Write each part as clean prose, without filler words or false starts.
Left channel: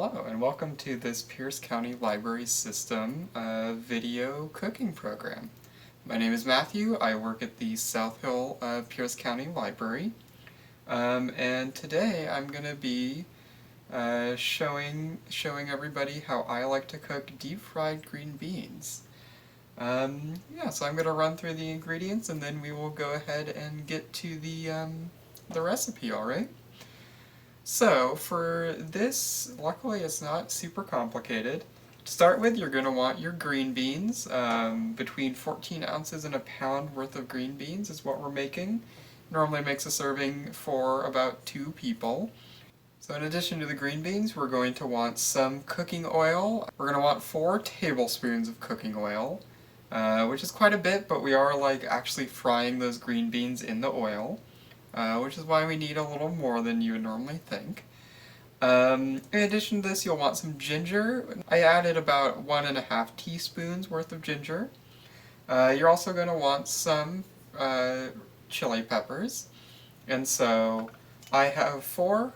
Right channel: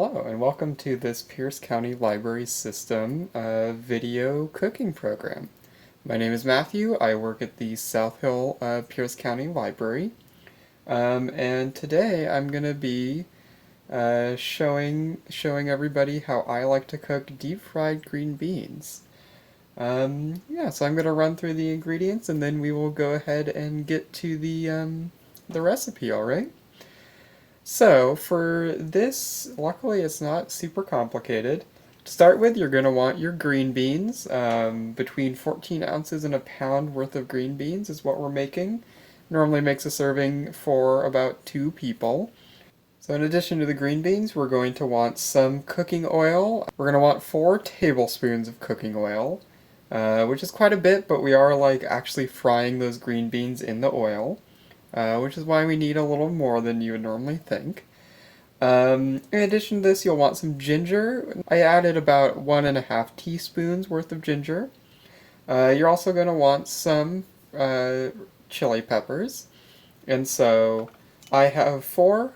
Hello, and welcome to this Pierce County Library System video cooking program. My name is Matthew. I work at the South Hill Pierce County Library, and today I'm going to be showing everybody how I like to cook deep-fried green beans. So I'm going to run through the ingredients, and then we will go ahead and get to the recipe. All right. So for this, luckily it's not super complicated. To start with, you're going to want your green beans. Between 14 ounces and a pound worth of green beans is what we're making. Normally makes a serving for about 2 people. So in addition to the green beans, we're going to want some cooking oil. We're going to want 4 tablespoons of cooking oil, which is quite a bit, but we are actually frying those green beans in the oil. Which is why we need a little more than you would normally think. In addition to this, you'll want some ginger. I added about 1.5 teaspoons worth of ginger. You're also going to want some chili peppers, and so I have 4.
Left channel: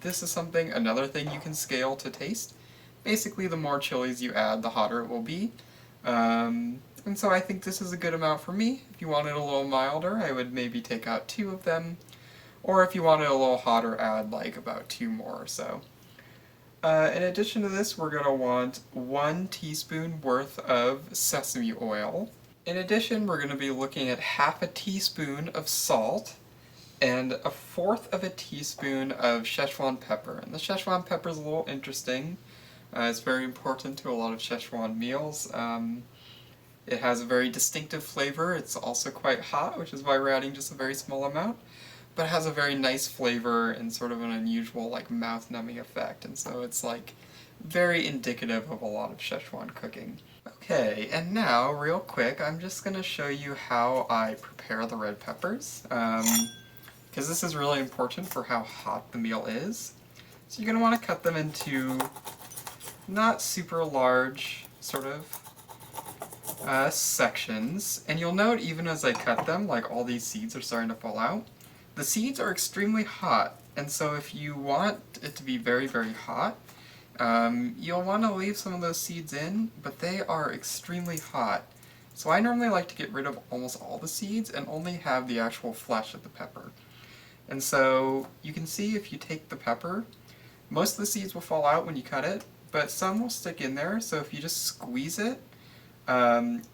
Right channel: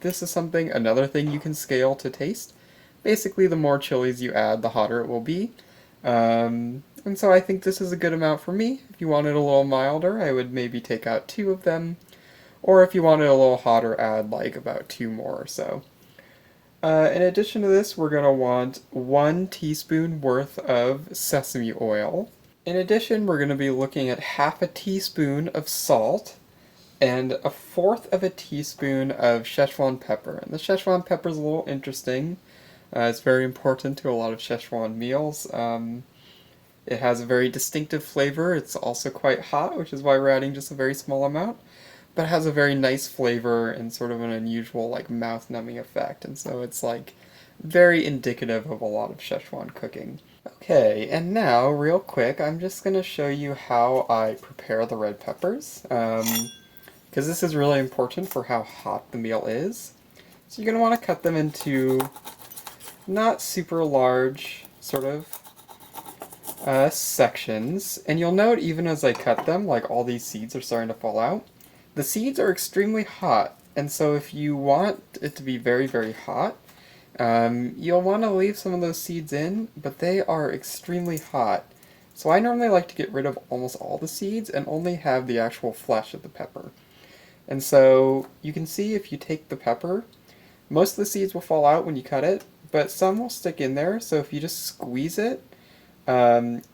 This is another thing you can scale to taste. Basically, the more chilies you add, the hotter it will be. And so I think this is a good amount for me. If you want it a little milder, I would maybe take out 2 of them. Or if you want it a little hotter, add about 2 more or so. In addition to this, we're going to want 1 teaspoon worth of sesame oil. In addition, we're going to be looking at 1/2 teaspoon of salt and 1/4 of a teaspoon of Schezuan pepper. And the Schezuan pepper is a little interesting. It's very important to a lot of Schezuan meals. It has a very distinctive flavor. It's also quite hot, which is why we're adding just a very small amount. But it has a very nice flavor and sort of an unusual mouth-numbing effect. And so it's very indicative of a lot of Schezuan cooking. Okay, and now, real quick, I'm just going to show you how I prepare the red peppers. Because this is really important for how hot the meal is. So you're going to want to cut them into not super large, sort of, sections, and you'll note even as I cut them, all these seeds are starting to fall out. The seeds are extremely hot, and so if you want it to be very, very hot, you'll want to leave some of those seeds in, but they are extremely hot. So I normally like to get rid of almost all the seeds and only have the actual flesh of the pepper. And so you can see if you take the pepper, most of the seeds will fall out when you cut it, but some will stick in there, so if you just squeeze it,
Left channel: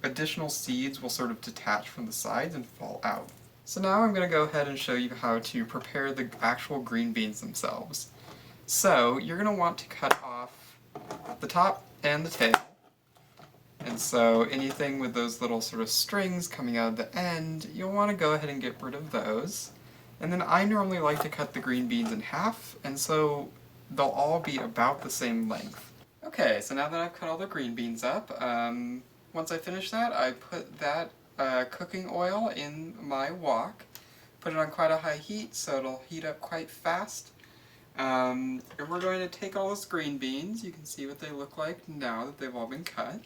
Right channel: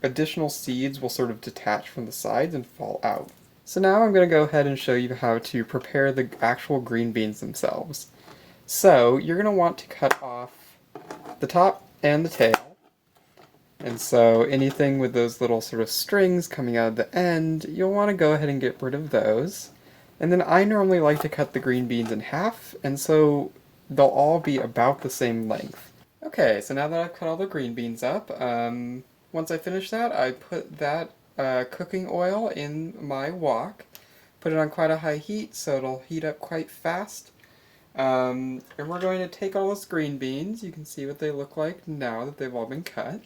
additional seeds will sort of detach from the sides and fall out. So now I'm going to go ahead and show you how to prepare the actual green beans themselves. So you're going to want to cut off the top and the tail. And so anything with those little sort of strings coming out of the end, you'll want to go ahead and get rid of those. And then I normally like to cut the green beans in half, and so they'll all be about the same length. Okay, so now that I've cut all the green beans up, once I finish that, I put that cooking oil in my wok, put it on quite a high heat so it'll heat up quite fast. And we're going to take all those green beans, you can see what they look like now that they've all been cut.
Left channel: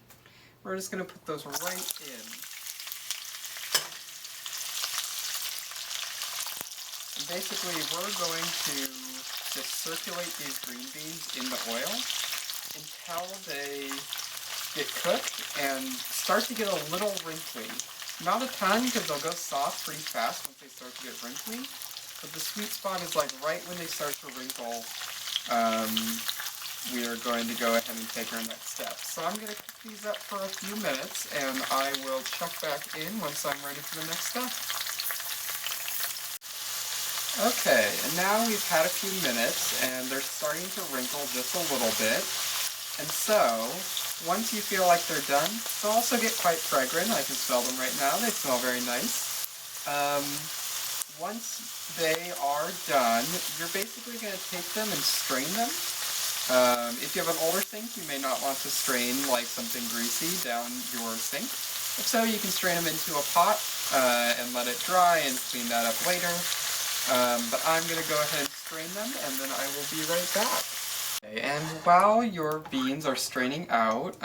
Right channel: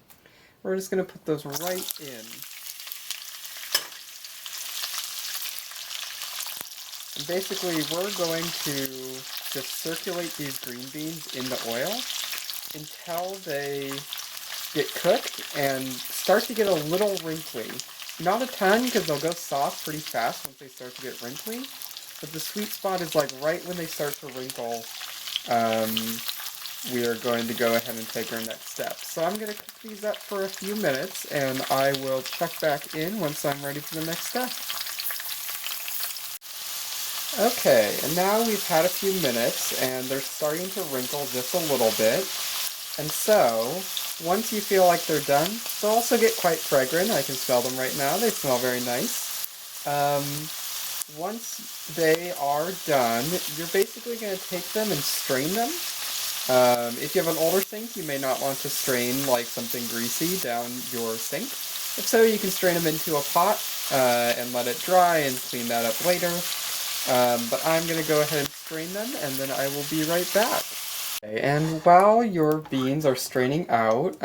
We're just going to put those right in. And basically we're going to just circulate these green beans in the oil until they get cooked and start to get a little wrinkly. Not a ton, because they'll go soft pretty fast once they start to get wrinkly, but the sweet spot is right when they start to wrinkle, we are going to go ahead and take our next step. So I'm going to cook these up for a few minutes, and I will check back in once I'm ready for the next step. Okay, and now we've had a few minutes, and they're starting to wrinkle just a little bit. And so, once you feel like they're done, they'll also get quite fragrant. I can smell them right now. They smell very nice. Once they are done, you're basically going to take them and strain them. If you have an older sink, you may not want to strain something greasy down your sink. If so, you can strain them into a pot and let it dry and clean that up later. But I'm going to go ahead and strain them, and then I will be right back. Okay, and while your beans are straining out,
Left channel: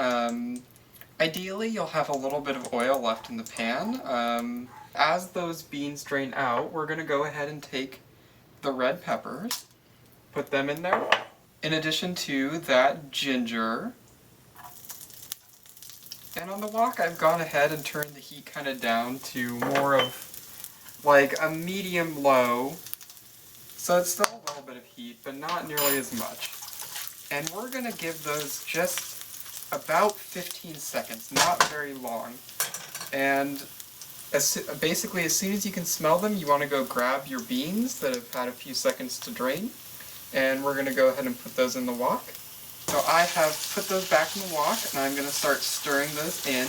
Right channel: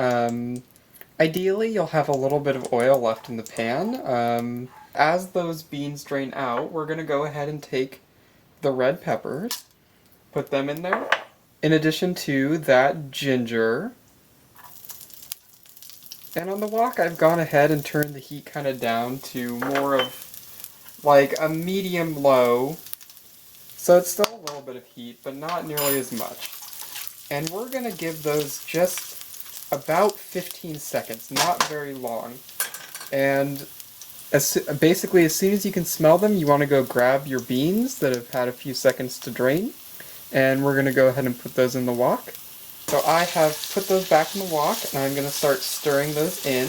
ideally you'll have a little bit of oil left in the pan. As those beans drain out, we're going to go ahead and take the red peppers, put them in there, in addition to that ginger. And on the wok, I've gone ahead and turned the heat kind of down to more of like a medium-low. So it's still a little bit of heat, but not nearly as much. And we're going to give those just about 15 seconds, not very long. And basically, as soon as you can smell them, you want to go grab your beans that have had a few seconds to drain. And we're going to go ahead and put those in the wok. So I have put those back in the wok, and I'm going to start stirring those in.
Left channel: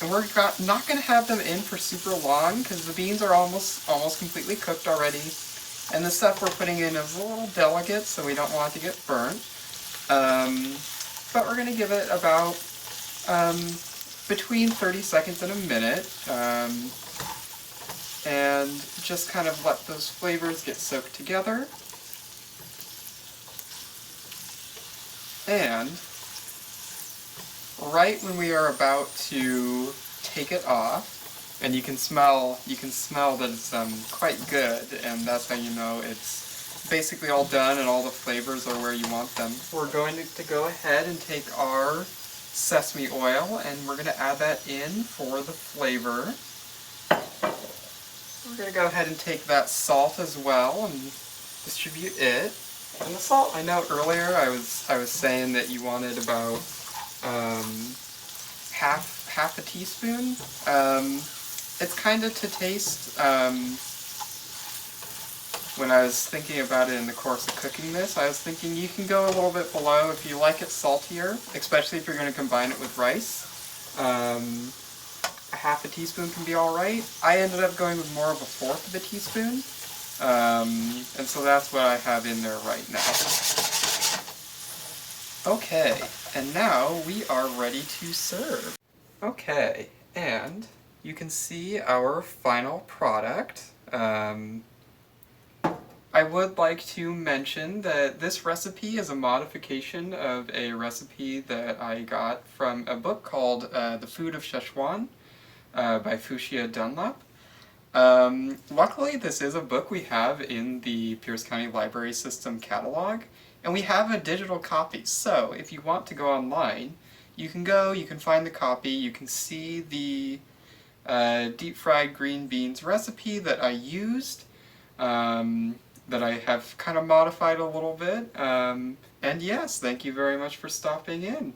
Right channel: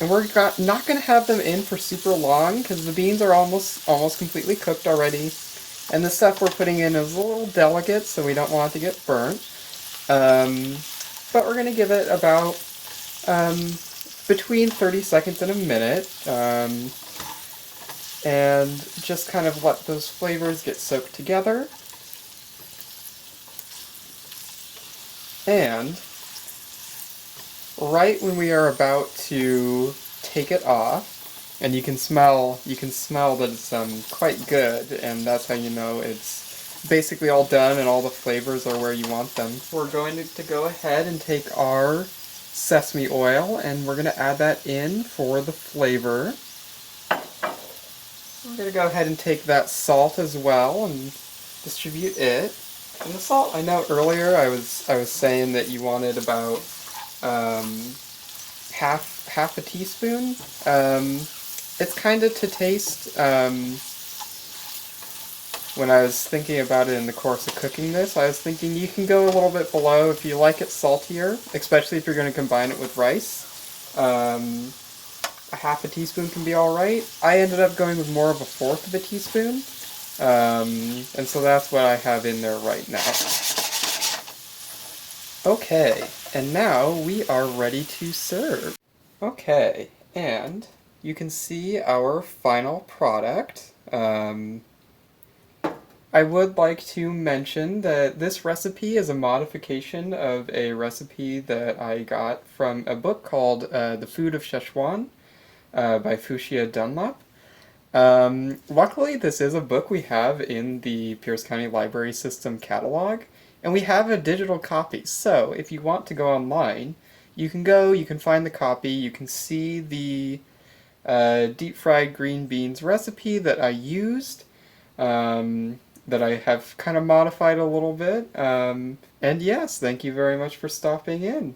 And we're not going to have them in for super long, because the beans are almost completely cooked already. And the stuff we're putting in is a little delicate, so we don't want it to get burnt. But we're going to give it about between 30 seconds and a minute. And just kind of let those flavors get soaked together. And right when we are about to take it off, and you can smell that it's quite good, and that's how you know it's basically all done and all the flavors are where you want them. We're going to go ahead and take our sesame oil, and we're going to add that in for the flavor. We're going to go ahead and take that salt as well and distribute it. And the salt, I know earlier I was saying that you wanted about half a teaspoon. It's kind of to taste. When I was thinking about it in the course of cooking this, I was thinking you can go a little bit below if you like it saltier, especially if you're going to combine it with rice. A half a teaspoon can be alright. I ended up going with more of a fourth of a teaspoon. And so that's what I have in there right now. Okay, and now we are ready to serve. Okay, and you can see our final product. I would like to mention that this recipe is a modification of a recipe that I got from a book called The Food of Schezuan by Fuchsia Dunlap. Luckily, this is a book we have in the Pierce County Library System catalog, and we have a digital copy. So, if you want to go online, you can find the copy, you can see the deep-fried green beans recipe that I used, that I have kind of modified a little bit. And yes, thank you very much for stopping in.